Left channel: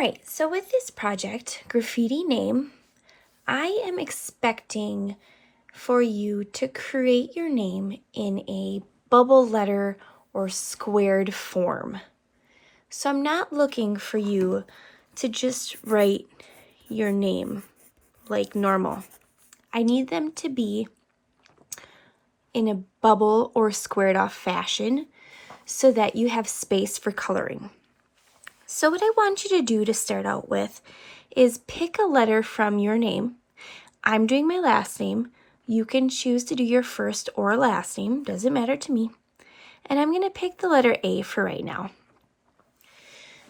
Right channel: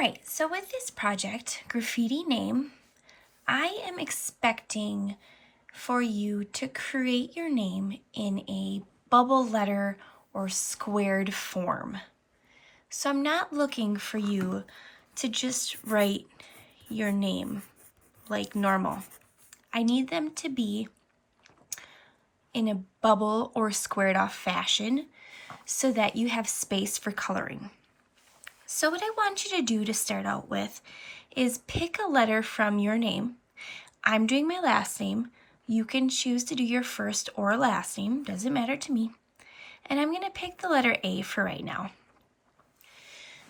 right, so with this project, graffiti name, I am expecting for you to create your name in a bubble letter or squared form. So I'm not looking for you to just write your name like normal. I need them to be in a bubble or squared off fashion so that you have space for coloring. So what I want you to do to start out with is pick a letter from your name. I'm doing my last name. You can choose to do your first or last name, doesn't matter to me. And I'm going to pick the letter A for right now.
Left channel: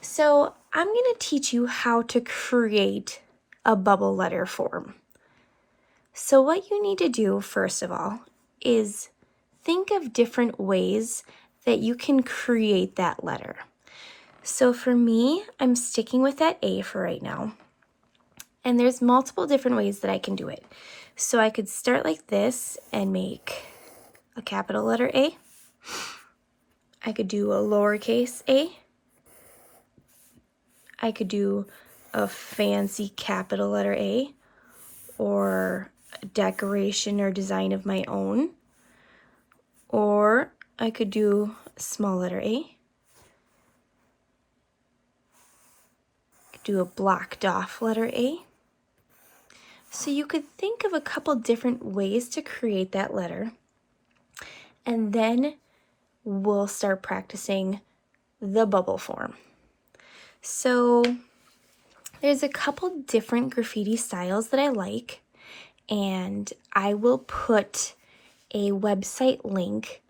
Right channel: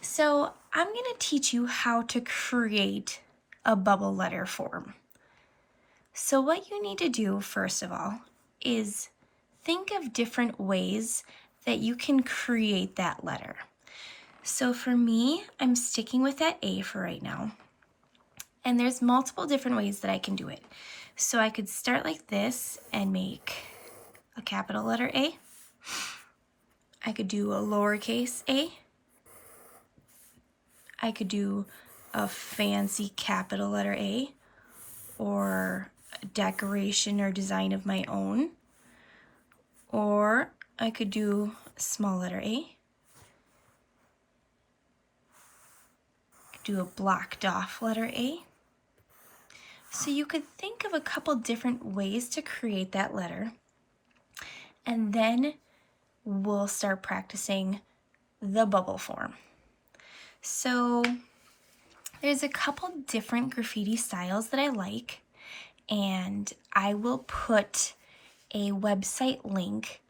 So I'm going to teach you how to create a bubble letter form. So what you need to do, first of all, is think of different ways that you can create that letter. So for me, I'm sticking with that A for right now. And there's multiple different ways that I can do it. So I could start like this and make a capital letter A. I could do a lowercase a. I could do a fancy capital letter A, or a decoration or design of my own. Or I could do a small letter A. I could do a blocked off letter A. So you could think of a couple different ways to create that letter, and then we'll start practicing the bubble form. So there's a couple different graffiti styles that I like, and I will put a website link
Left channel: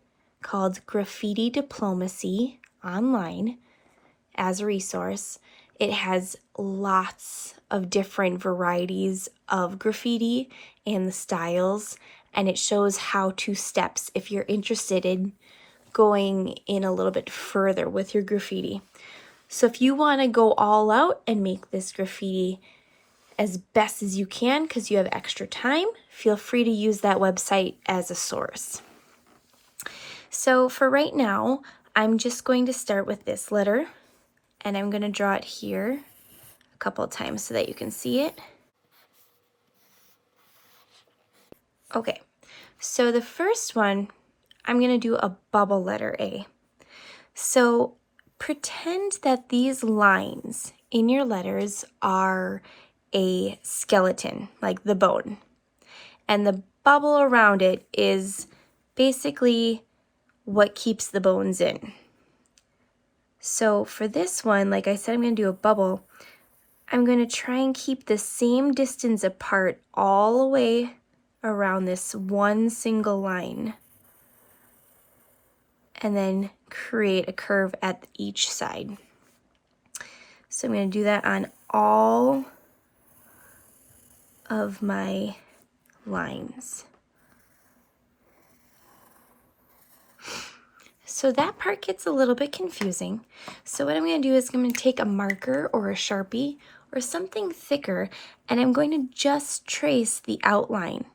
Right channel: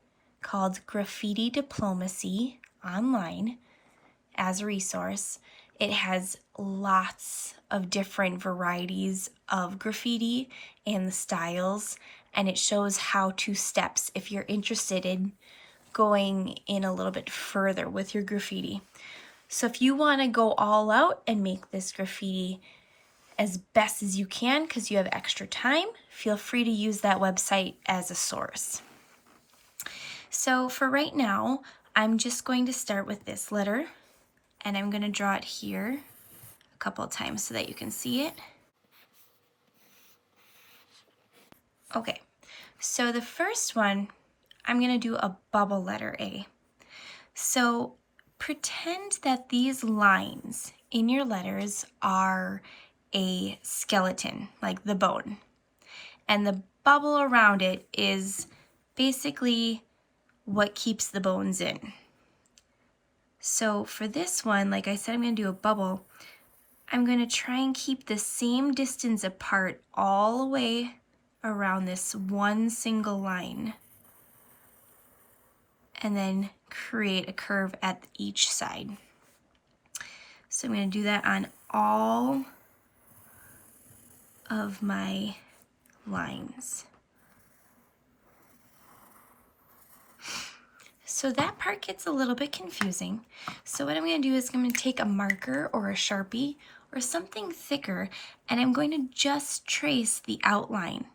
called Graffiti Diplomacy online as a resource. It has lots of different varieties of graffiti and the styles, and it shows how-to steps if you're interested in going in a little bit further with your graffiti. So if you want to go all out and make this graffiti as best as you can because you have extra time, feel free to use that website as a source. So for right now, I'm just going to start with this letter, and I'm going to draw it here a couple of times so that you can see it. Okay, so the first one, I'm going to do a bubble letter A. So pretend that these lines in your letters are a skeleton, like the bone. And the bubble around it is basically what keeps the bones in. So for this one, like I said, I'm going to do a bubble. I'm going to try and keep the same distance apart all the way around this one single line, and then create a curve at each side. So I'm going to do that on all of my lines. So that part gets a little bit confusing. So what I'm going to do is I'm going to take a marker or a Sharpie or something thicker, and I'm going to just trace the outline.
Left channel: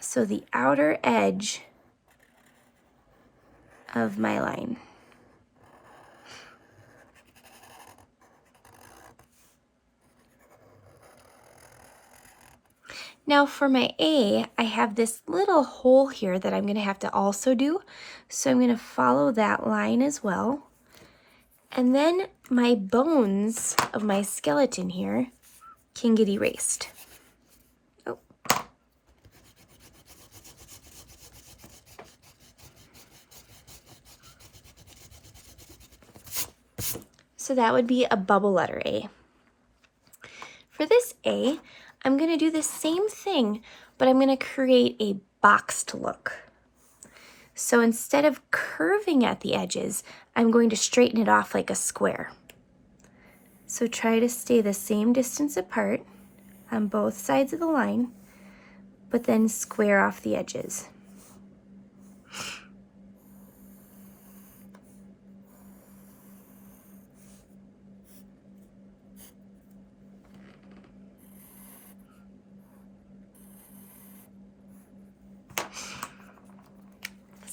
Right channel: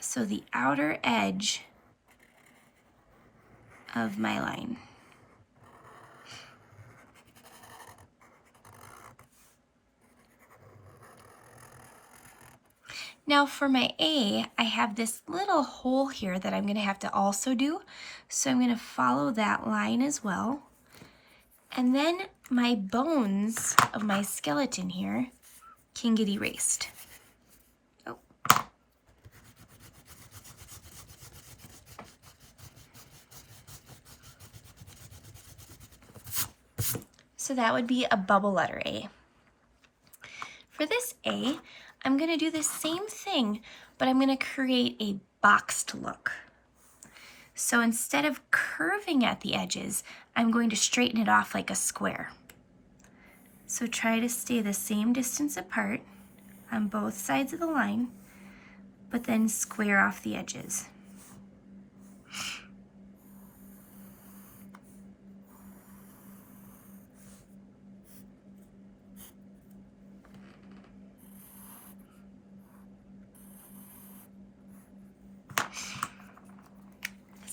So the outer edge of my line. Now for my A, I have this little hole here that I'm going to have to also do. So I'm going to follow that line as well. And then my bones of my skeleton here can get erased. Oh. So that would be a bubble letter A. For this A, I'm going to do the same thing, but I'm going to create a boxed look. So instead of curving at the edges, I'm going to straighten it off like a square. So try to stay the same distance apart on both sides of the line, but then square off the edges.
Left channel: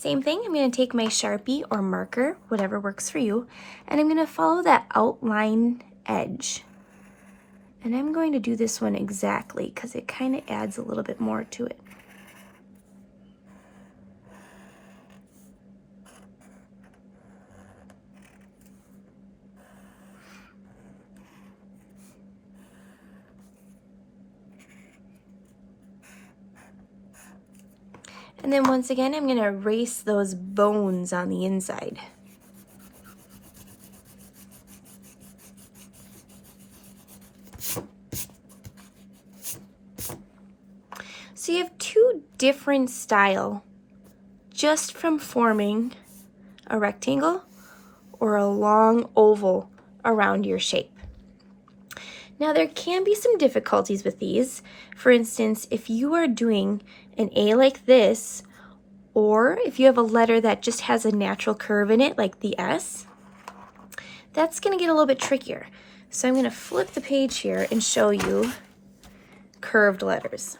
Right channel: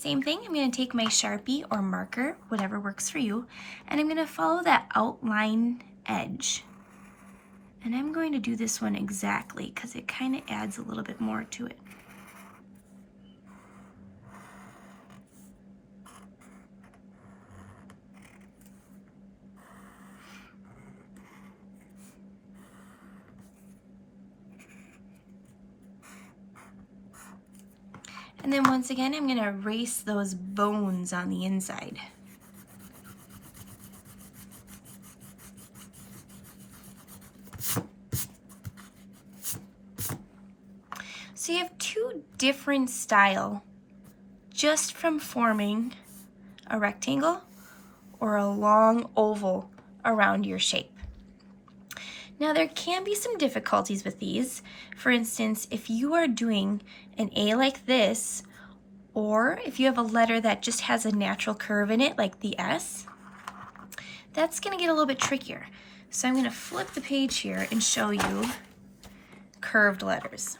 Same thing, I'm going to take my Sharpie or marker, whatever works for you, and I'm going to follow that outline edge. And I'm going to do this one exactly because it kind of adds a little bit more to it. And then once again, I'm going to erase those bones on the inside. So you have two different styles just from forming a rectangle or a long oval around your shape. Now there can be some difficulties with these. For instance, if you are doing an A like this, or if you have a letter that just has a natural curve in it, like the S, that's going to get a little bit trickier. So I'm going to flip the page here and show you curved letters.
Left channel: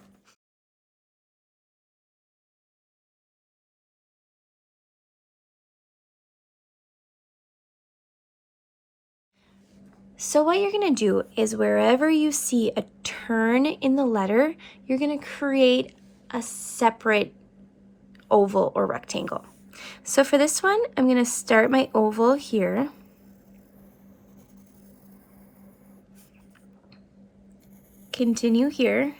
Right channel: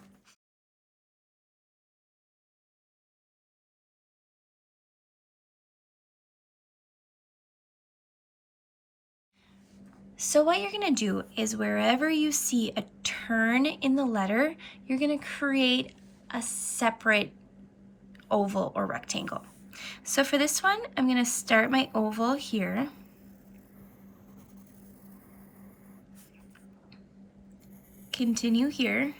So what you're going to do is wherever you see a turn in the letter, you're going to create a separate oval or rectangle. So for this one, I'm going to start my oval here. Continue here.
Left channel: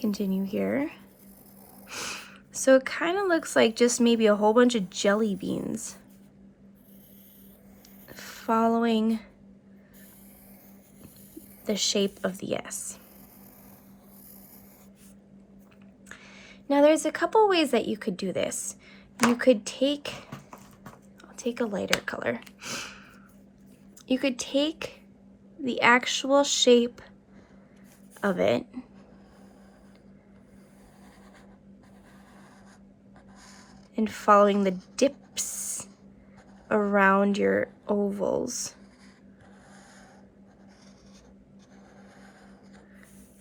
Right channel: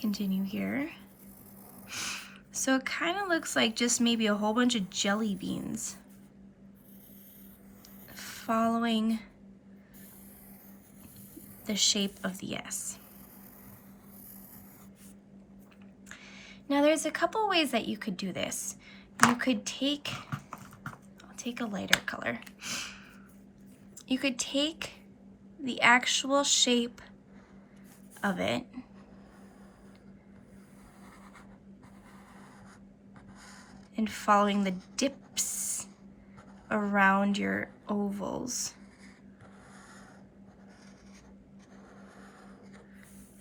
Continue here. So it kind of looks like just maybe a whole bunch of jelly beans following the shape of the S. Now there's a couple ways that you could do this. You could I'll take a lighter color. You could take the actual shape of it and following the dips around your ovals.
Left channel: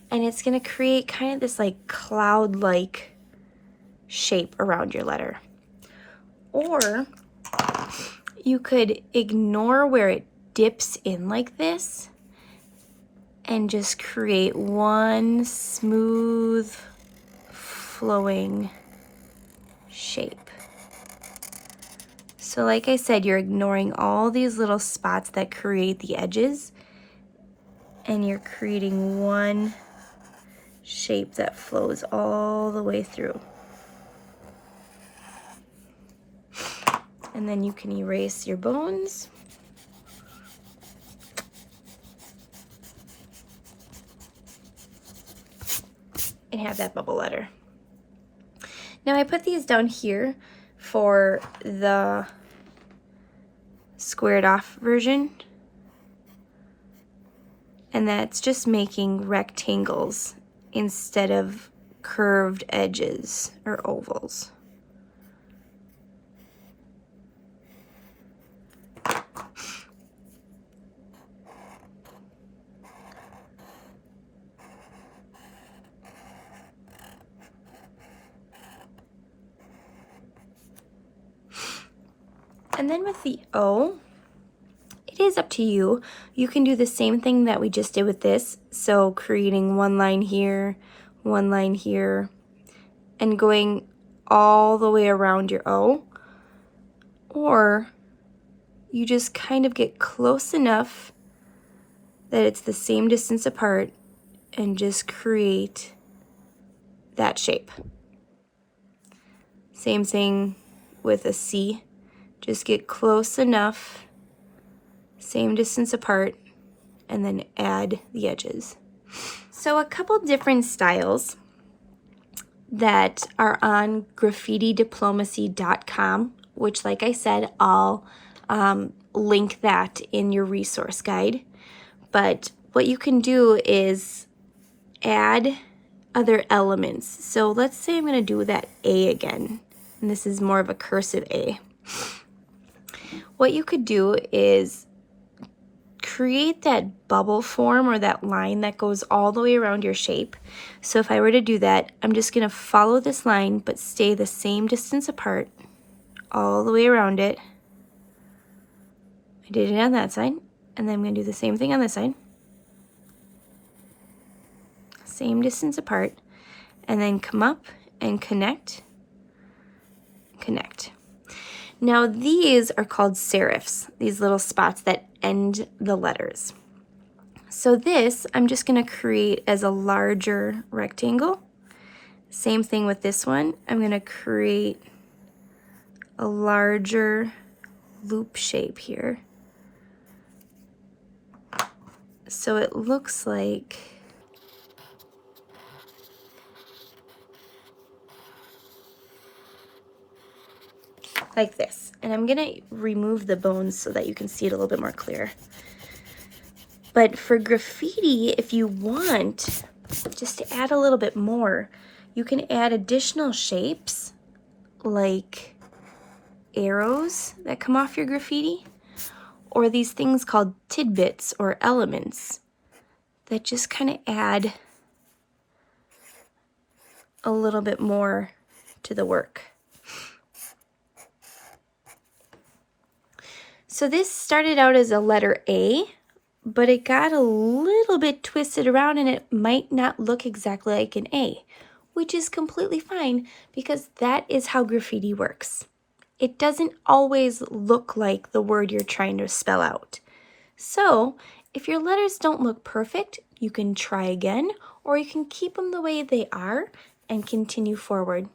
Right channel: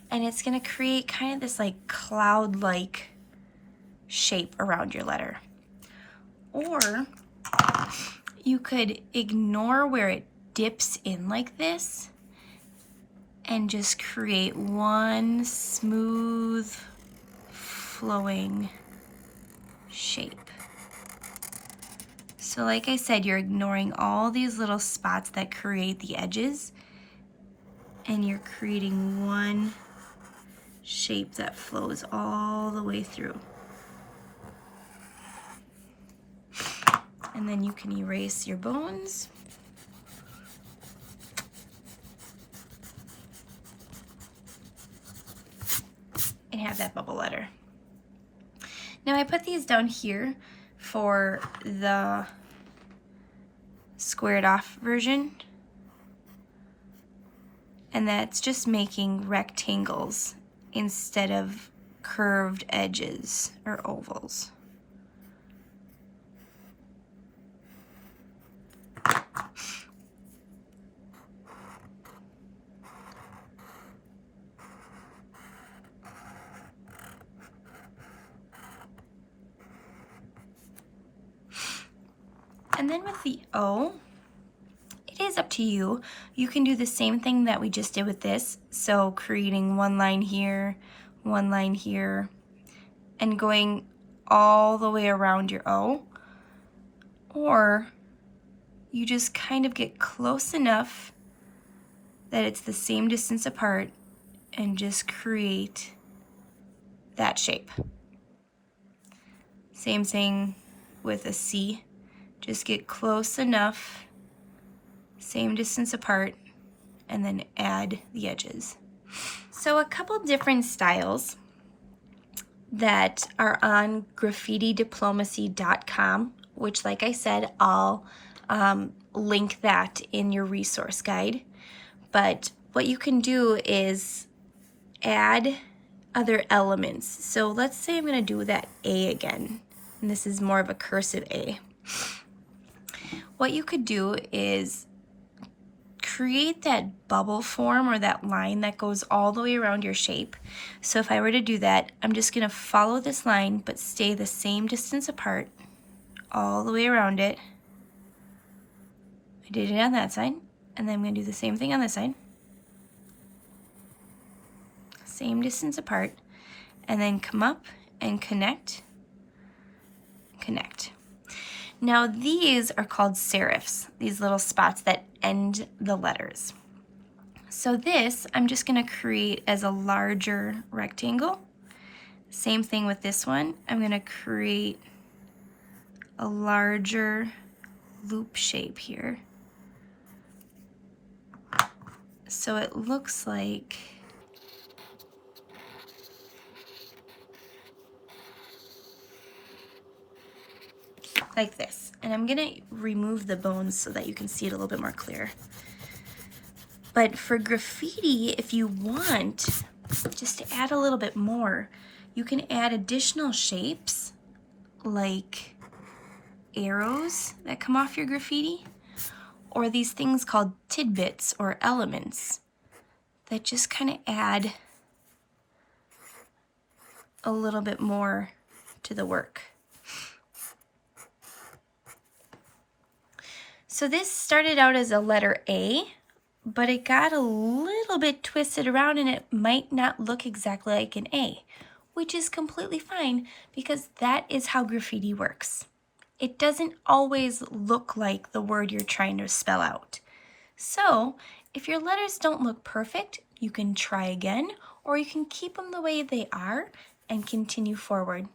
And it's going to create kind of this like cloud-like shape around your letter. Or you could ignore where it dips in like this and just create one smooth flowing shape. So like I said, you're ignoring all these little spots that create the edges, and you're creating one shape that flows all the way through. And then you can erase your bones. And have that bubble letter. Now I put these down here for the squared off version. And that's just making rectangles instead of curved edges or ovals. And then with the O, it is up to you. You can do the same thing that we just did with this. So creating one line here, and going all the way around your O. Or you just kind of get close enough that it's the same distance apart and just create that shape. Same thing with a C. Just get close enough, same distance apart, and then add the edges. So a couple different styles that are on graffitidiplomacy.com, which like I said, I'll link that in your resource guide. But what you can do is add other elements. So let's say I'm going to do that A again, and this is more of a cursive A. What you could do is create that bubble form or that line that goes all the way around your shape. So if I were to do that, I'm just going to follow this line but stay the same distance apart all the way around it I did it on that side, and then I'm going to do the same thing on this side. Same distance apart, and then come up and connect, connect. Now these are called serifs, these little spots that end the letters. So this, I'm just going to create as a larger rectangle. Same thing with this one. I'm going to create a larger loop shape here. So it looks like this. And I'm gonna remove the bones so that you can see it a little bit more clear. But for graffiti, if you want just to add a little bit more, you can add additional shapes like arrows that come off your graffiti, or these things called tidbits or elements that just kind of add a little bit more to the work. So this started out as a letter A, but it got a little bit twisted around and it might not look exactly like an A, which is completely fine because that is how graffiti works. It doesn't always look like the word you're trying to spell out. So if your letters don't look perfect, you can try again, or you can keep them the way they are and continue forward.